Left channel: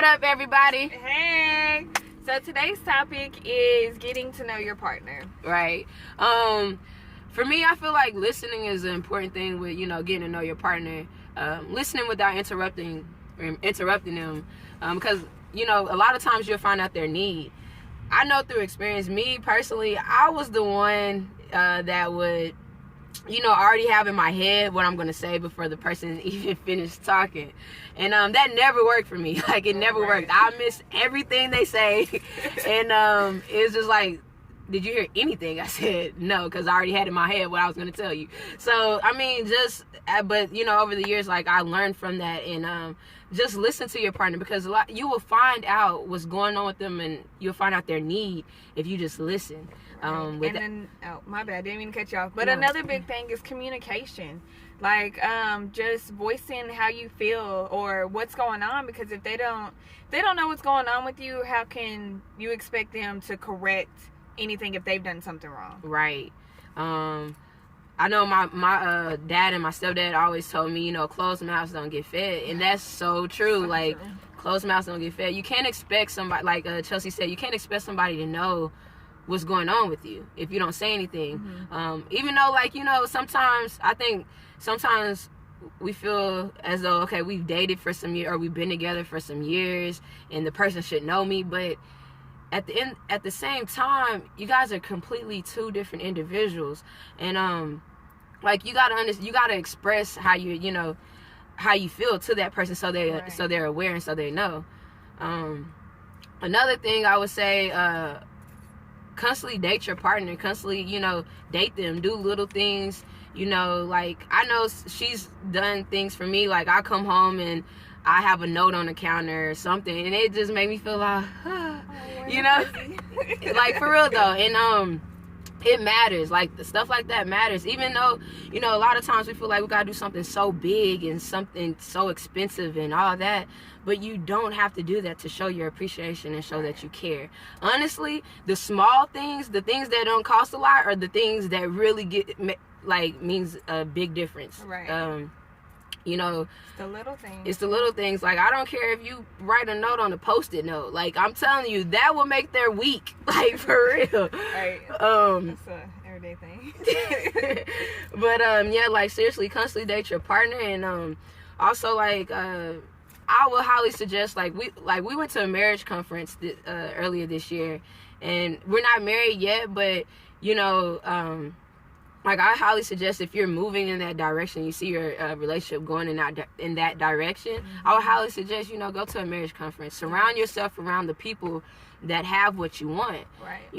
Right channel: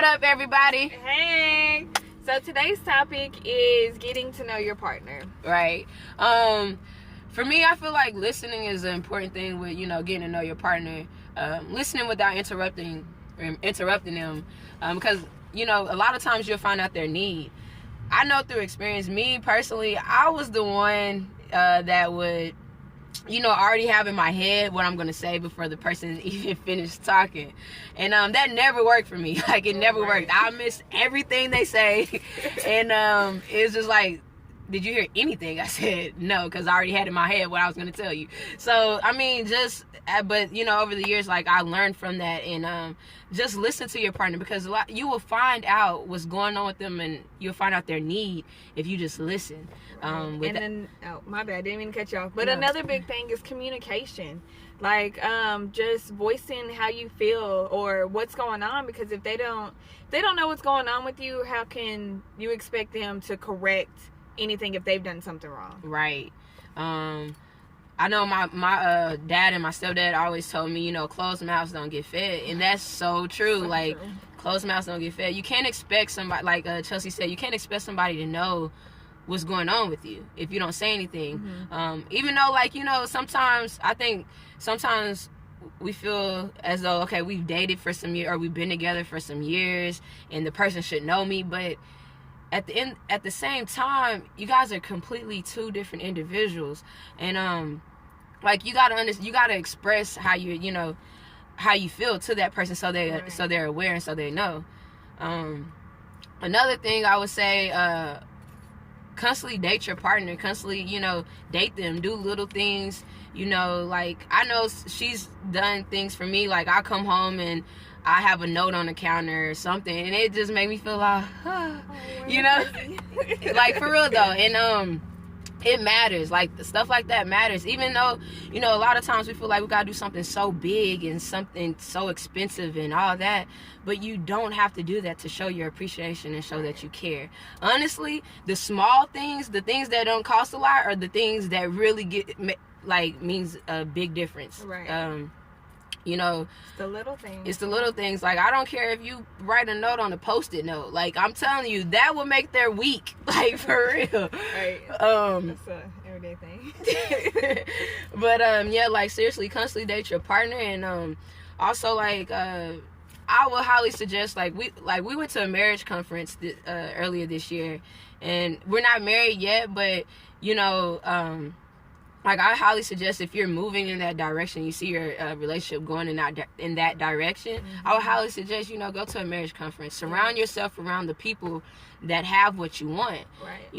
What up, everybody? Hey. So today's topic is getting to know your partner. Right. For me, I feel like listening is an important thing with, getting to know your partner. Listening without interrupting them. Because, a lot of times you'll find out their need. I know through experience, me personally, I was the one that would, already have in my head what I'm going to say before the person even finished talking. And that never worked for me. Like, it never worked. I missed everything they say. And it's just like, did you hear anything I said? No, because I already had in my head what I was going to tell you. So, I mean, but, over the years, like, I learned from that. And just listen to your partner, because you will find out what's going on with them, and you'll find out their need if you just listen. My bad, didn't mean to cut you off. But another big thing is communication. Like, just voicing how you feel or what's going on, because if they don't know what's going on with you, how can you expect them to correct anything if they've done something wrong? Right. I know my dad and my stepdad always told me, closed mouths don't get fed. And that's so true. Closed mouths don't get fed. You can't expect somebody, like Chelsea said, you can't expect somebody to know what's going on with you if you don't say anything. Mm-hmm. Even though, sometimes we feel as though, okay, we've dated for some years, or we've been together for some years, and the person should know me. But at the same time, you guys are completely two different individuals. And you gotta express how how you feel to that person, so they're aware and so they know. Another thing I would say, constantly date your partner. Constantly, date them. Do little things. I know she's done things for me. Like, I come home and I have a note on the counter or something, and it just made me feel like, like, for real though. And it matters. Like, stuff like that matters. Even though, a lot of times we feel like we gotta do something so big and something so expensive and all that, but you don't have to do that to show your appreciation and show that you care. Honestly, the small things, the things that don't cost a lot, are the things that really means a big difference. Right. It's the little things. It's the little things. Like, I don't care if you write a note on a Post-it note. Like, I'm telling you, that will make their week. Like, for real. Right. That's an everyday thing. But seriously, constantly date your partner. And also, I would highly suggest, we went to a marriage conference earlier this year, and we're not married yet, but I highly suggest, if you're moving in that direction, you see your relationship going in that direction, mm-hmm. I would highly suggest, go to a marriage conference. Surround yourself around the people that have what you want. Right.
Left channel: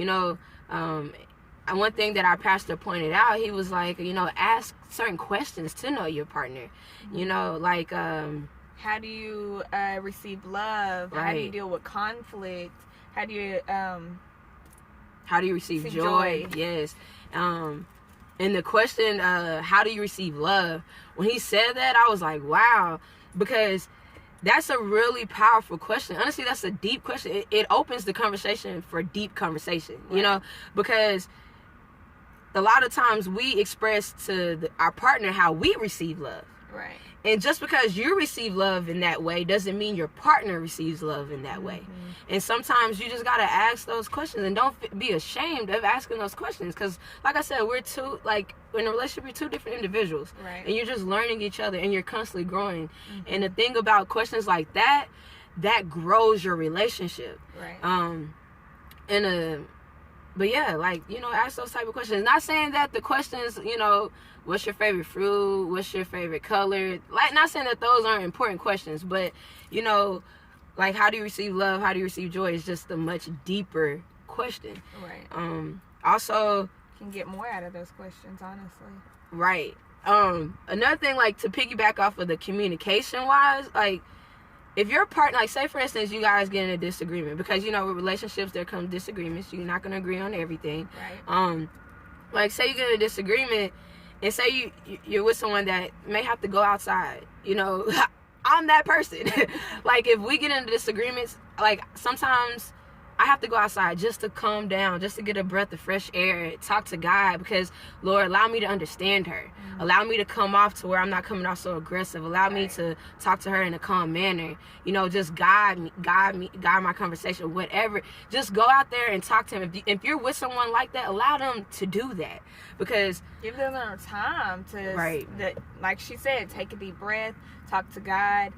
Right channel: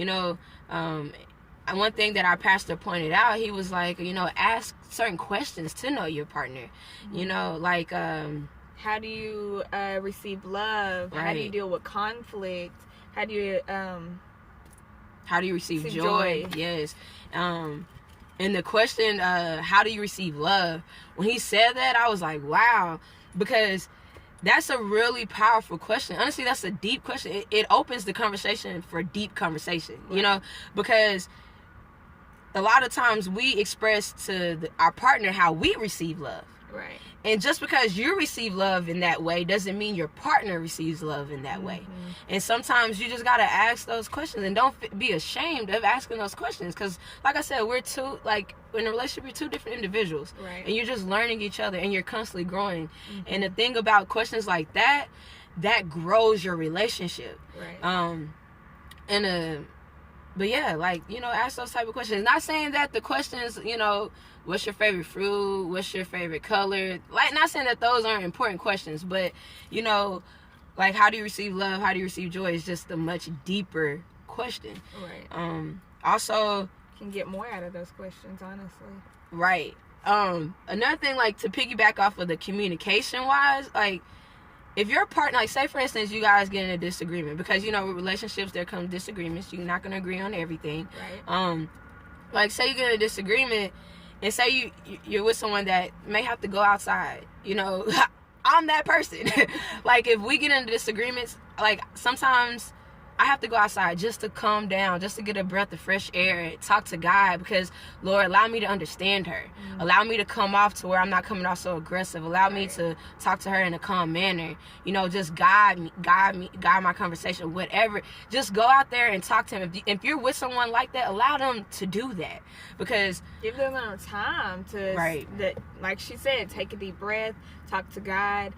And one thing that our pastor pointed out, he was like, ask certain questions to know your partner. Mm-hmm. How do you receive love? Right. How do you deal with conflict? How do you receive joy? Yes. And the question, how do you receive love? When he said that, I was like, wow, because that's a really powerful question. Honestly, that's a deep question. It opens the conversation for deep conversation, right. Because a lot of times we express to our partner how we receive love. Right. And just because you receive love in that way doesn't mean your partner receives love in that mm-hmm. way. And sometimes you just got to ask those questions, and don't be ashamed of asking those questions. Because, like I said, in a relationship, you're two different individuals. Right. And you're just learning each other, and you're constantly growing. Mm-hmm. And the thing about questions like that grows your relationship. Right. Ask those type of questions. Not saying that the questions, what's your favorite fruit? What's your favorite color? Not saying that those aren't important questions, but, how do you receive love? How do you receive joy? Is just a much deeper question. Right. Also, you can get more out of those questions, honestly. Right. Another thing, to piggyback off of the communication-wise, if your partner, say for instance, you guys get in a disagreement, because, with relationships, there comes disagreements. You're not going to agree on everything. Right. Say you get in a disagreement, and say you're with someone that may have to go outside, I'm that person. If we get into disagreements, sometimes I have to go outside just to calm down, just to get a breath of fresh air, talk to God, because Lord, allow me to understand her. Allow me to come off to where I'm not coming off so aggressive. Allow me to talk to her in a calm manner. You know, just guide my conversation, whatever. Just go out there and talk to him. If you're with someone like that, allow them to do that, because give them time to, like she said, take a deep breath, talk to God,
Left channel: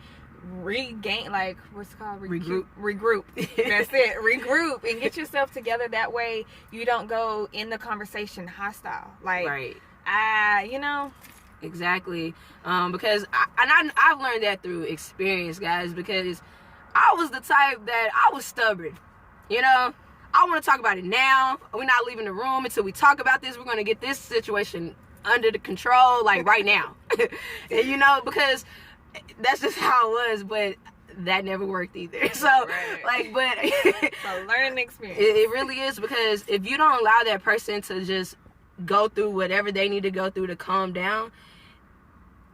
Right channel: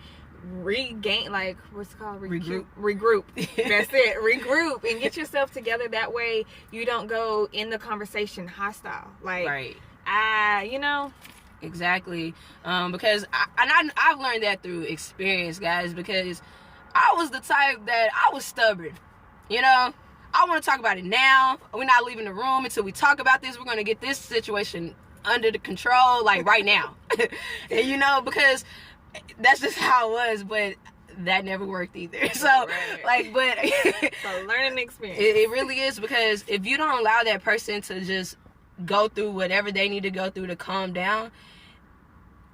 regain, like, what's it called? Regroup. That's it. Regroup and get yourself together. That way you don't go in the conversation hostile. Like, you know. Exactly. Because I've learned that through experience, guys, because I was the type that I was stubborn. You know, I want to talk about it now. We're not leaving the room until we talk about this. We're going to get this situation under the control, like, right now. And, you know, because that's just how it was, but that never worked either. So, like, but it's a learning experience. It really is, because if you don't allow that person to just go through whatever they need to go through to calm down,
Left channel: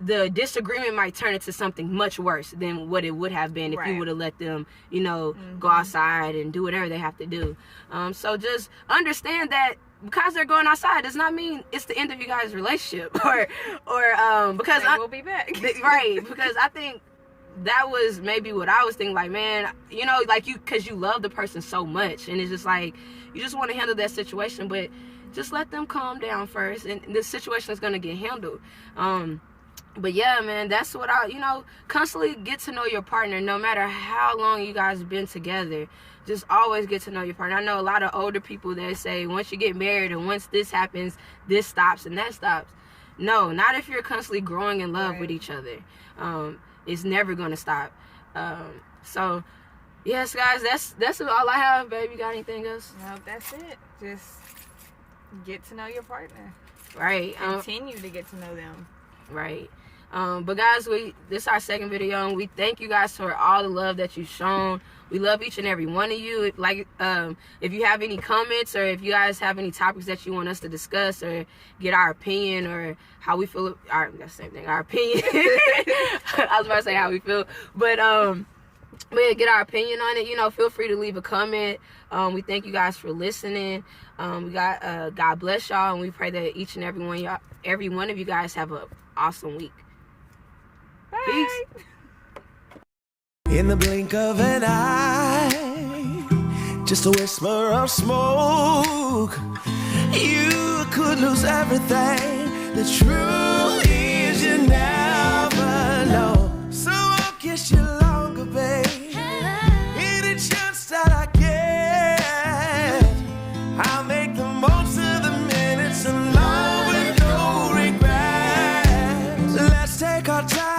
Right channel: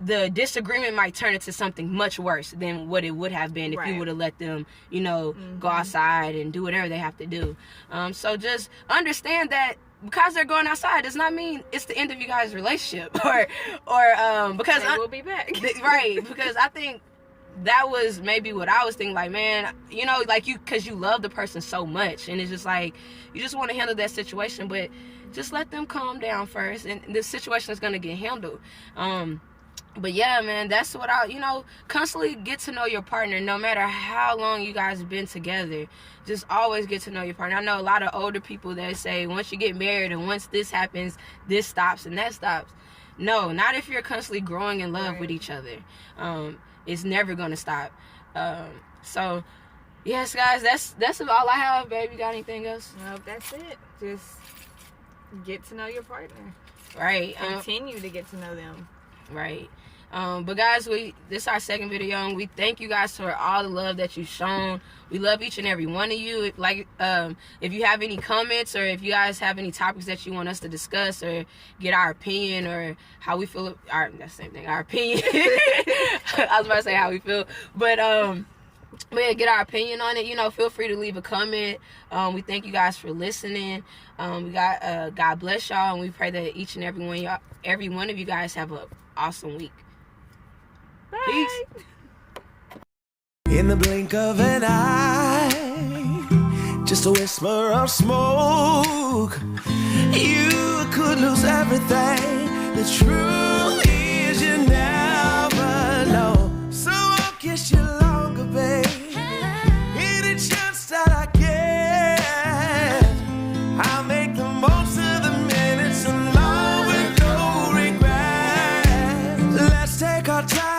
the disagreement might turn into something much worse than what it would have been if you would have let them, you know, go outside and do whatever they have to do. So just understand that because they're going outside does not mean it's the end of you guys' relationship, or because we'll be back. Right, because I think that was maybe what I was thinking, like, man, you know, like, because you love the person so much, and it's just like you just want to handle that situation, but just let them calm down first, and the situation is going to get handled. But yeah, man, that's what constantly get to know your partner, no matter how long you guys have been together. Just always get to know your partner. I know a lot of older people that say once you get married and once this happens, this stops and that stops. No, not if you're constantly growing in love with each other. It's never gonna stop. So yes, guys, that's all I have, babe. You got anything else? No, that's it. Just get to know your partner. Right. Continue to get to know them. Right. But guys, this is our second video, and we thank you guys for all the love that you've shown. We love each and every one of you. Like, if you have any comments, or if you guys have any topics that you want us to discuss, or get our opinion, or how we feel, that's the same thing, our opinion. I was about to say how we feel, but yeah, get our opinion on it. You know, feel free to leave a comment. We thank you guys for listening. We got God bless y'all, and we pray that each and every one of you guys have an awesome week. Bye. Peace. In the blink of an eye, just a whisper of smoke, you could lose everything. The truth is you never know. So I'll kiss you longer, babe. Any chance that I get, I'll make the most of the minutes in love with no regrets. Let's take our time.